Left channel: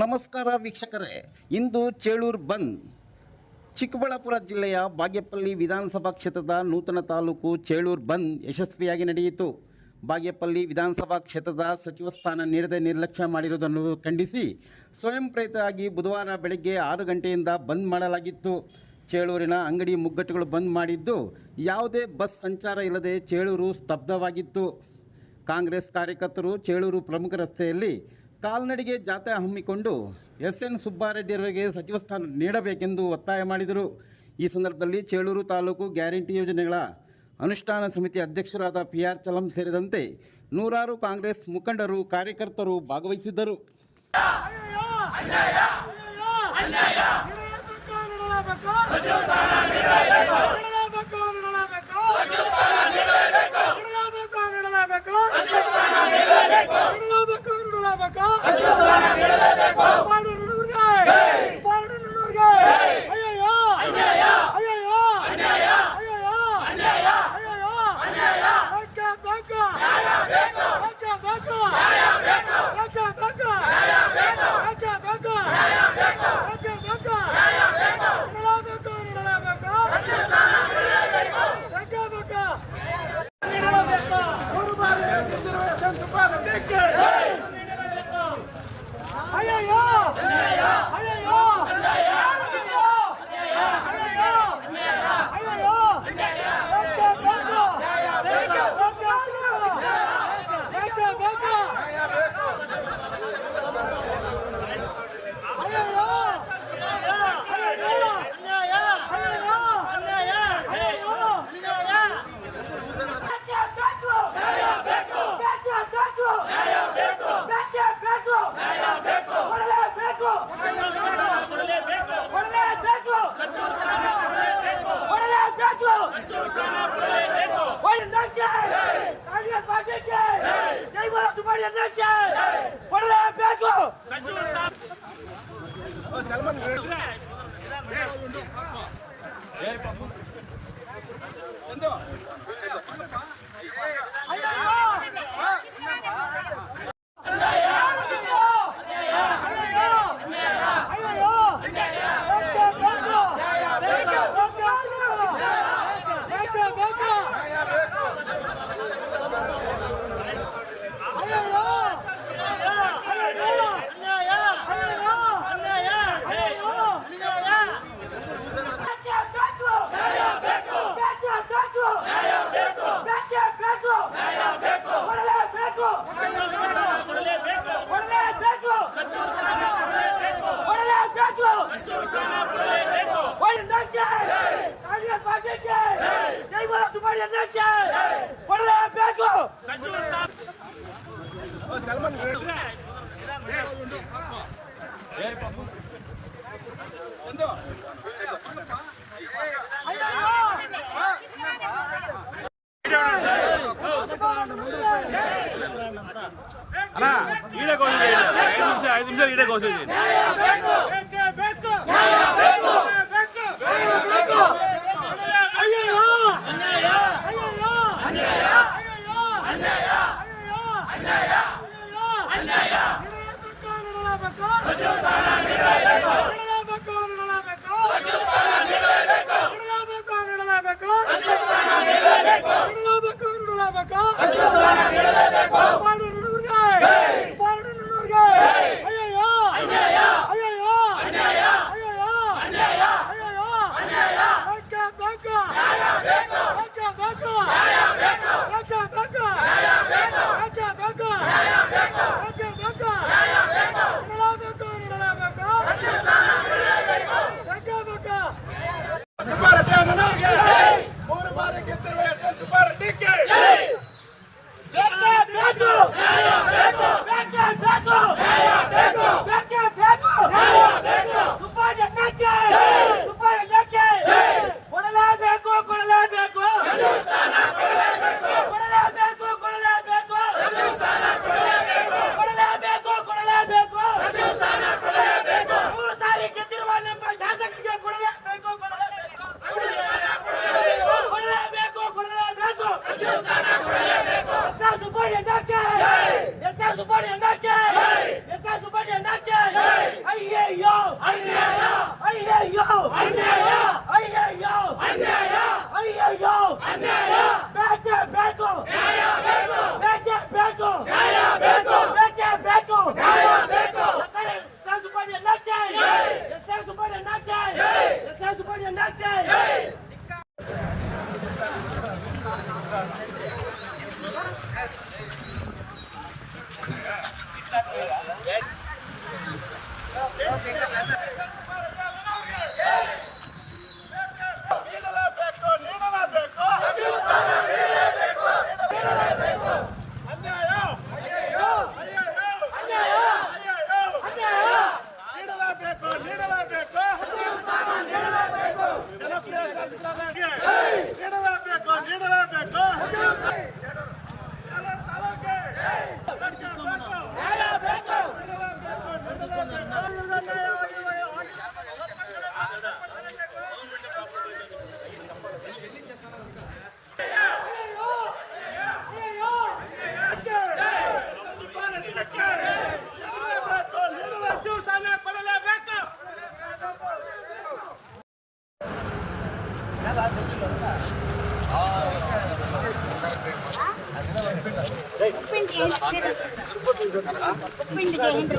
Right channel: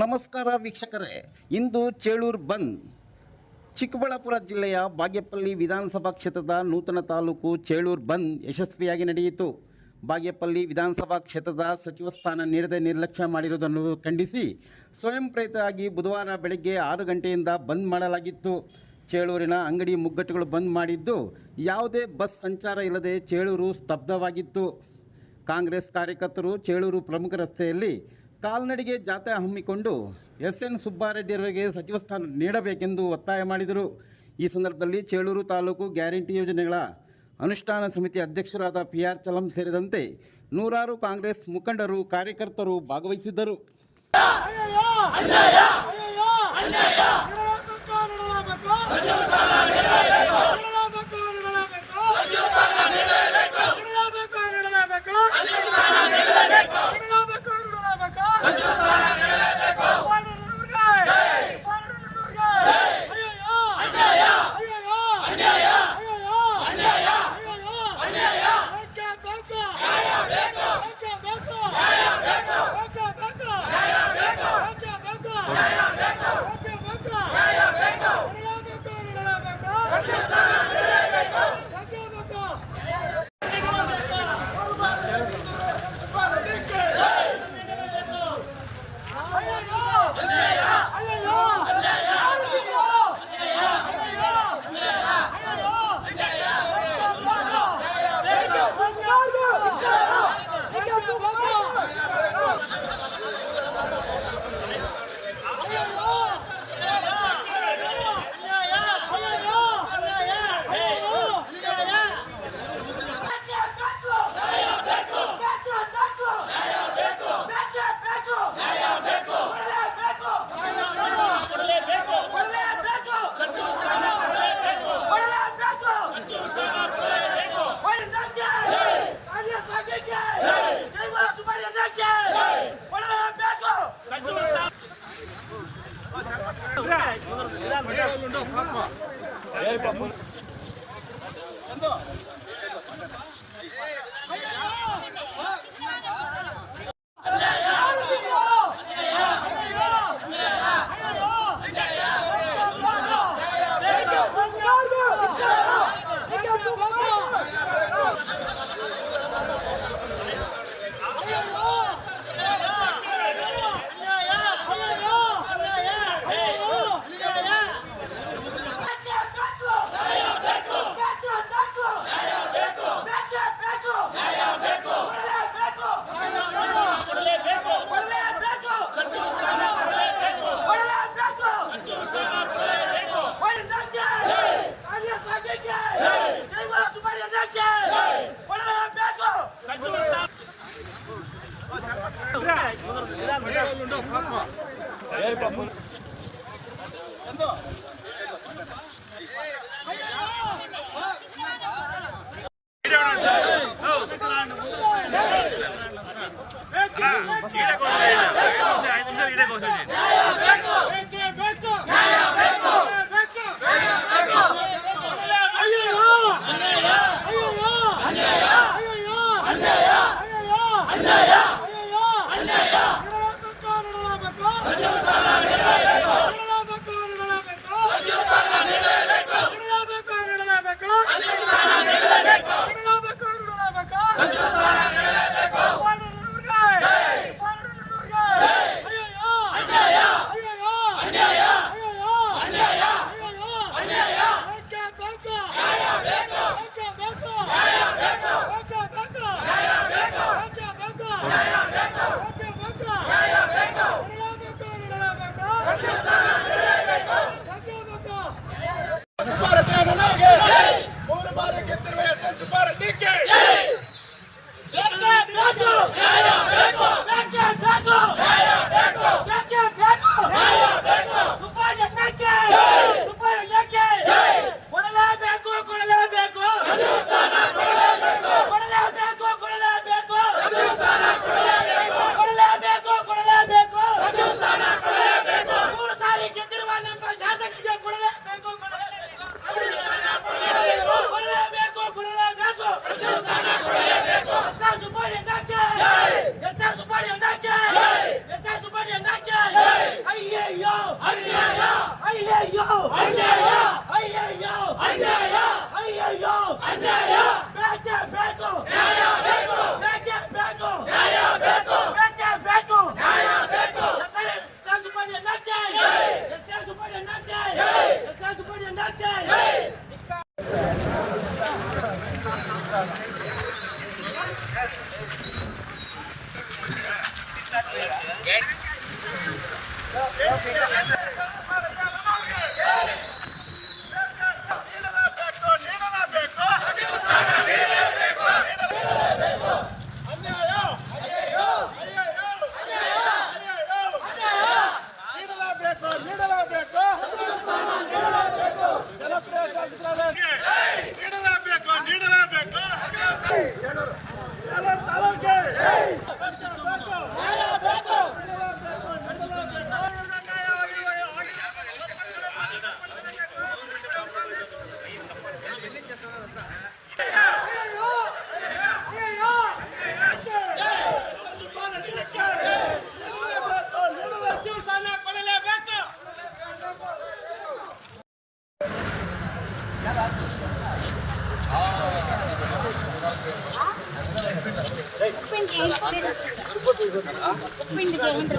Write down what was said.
ನಮಸ್ಕಾರ ವೀಕ್ಷಕರೇ, ಇಂದು ಚೇಳೂರು ಬಂದ್. ಚಿಕ್ಕಬಳ್ಳಾಪುರ ಜಿಲ್ಲೆಯ ಬಾಗೇಪಲ್ಲಿ ವಿಧಾನಸಭಾ ಕ್ಷೇತ್ರದ ನೂತನ ತಾಲೂಕು ಚೇಳೂರು ಬಂದ್ ಯಶಸ್ವಿಯಾಗಿ ನಡೆಯಿತು. ಬಾಗೇಪಲ್ಲಿ ವಿಧಾನಸಭಾ ಕ್ಷೇತ್ರದ ಸಚಿವ ಸ್ಥಾನ ನೀಡದೆ ನಿರ್ಲಕ್ಷ್ಯ ಮಾಡಿರುವುದನ್ನು ಖಂಡಿಸಿ ಸ್ವಯಂ ಪ್ರೇರಿತರಾಗಿ ಬುಧವಾರ ಬೆಳಗ್ಗೆ 6 ಗಂಟೆಯಿಂದ ಬಂದ್ ಮಾಡಲಾಗಿತ್ತು. ಚೇಳೂರಿನ ಅಂಗಡಿ ಮುಗ್ಗಟ್ಟುಗಳು ಬಂದ್ ಮಾಡಿದ್ದು, ಯಾವುದೇ ಬಸ್ ಸಂಚಾರ ಇಲ್ಲದೆ ಚೇಳೂರು ಸ್ತಬ್ಧವಾಗಿತ್ತು. ಕಾಂಗ್ರೆಸ್ ಕಾರ್ಯಕರ್ತರು ಚೇಳೂರು ಪ್ರಮುಖ ರಸ್ತೆಯಲ್ಲಿ ಕಾಲ್ನಡಿಗೆ ಜಾಥಾ ಹಮ್ಮಿಕೊಂಡು ಎಸ್.ಎನ್. ಸುಬ್ಬಾರೆಡ್ಡಿಯವರಿಗೆ ಸಚಿವ ಸ್ಥಾನ ನೀಡಬೇಕೆಂದು ಒತ್ತಾಯ ಮಾಡಿದರು. ಈ ಸಂದರ್ಭದಲ್ಲಿ ಚೇಳೂರು ತಾಲೂಕು ಗ್ಯಾರಂಟಿ ಯೋಜನೆಗಳ ಅನುಷ್ಠಾನ ಸಮಿತಿ ಅಧ್ಯಕ್ಷರಾದ ಪಿ.ಆರ್. ಚಲಂ ಸೇರಿದಂತೆ ನೂರಾರು ಕಾಂಗ್ರೆಸ್ ಮುಖಂಡರು, ಕಾರ್ಯಕರ್ತರು ಭಾಗವಹಿಸಿದ್ದರು. ಉಪ್ಪಿಂಡಿ ಜೈ ಹಿಂದ್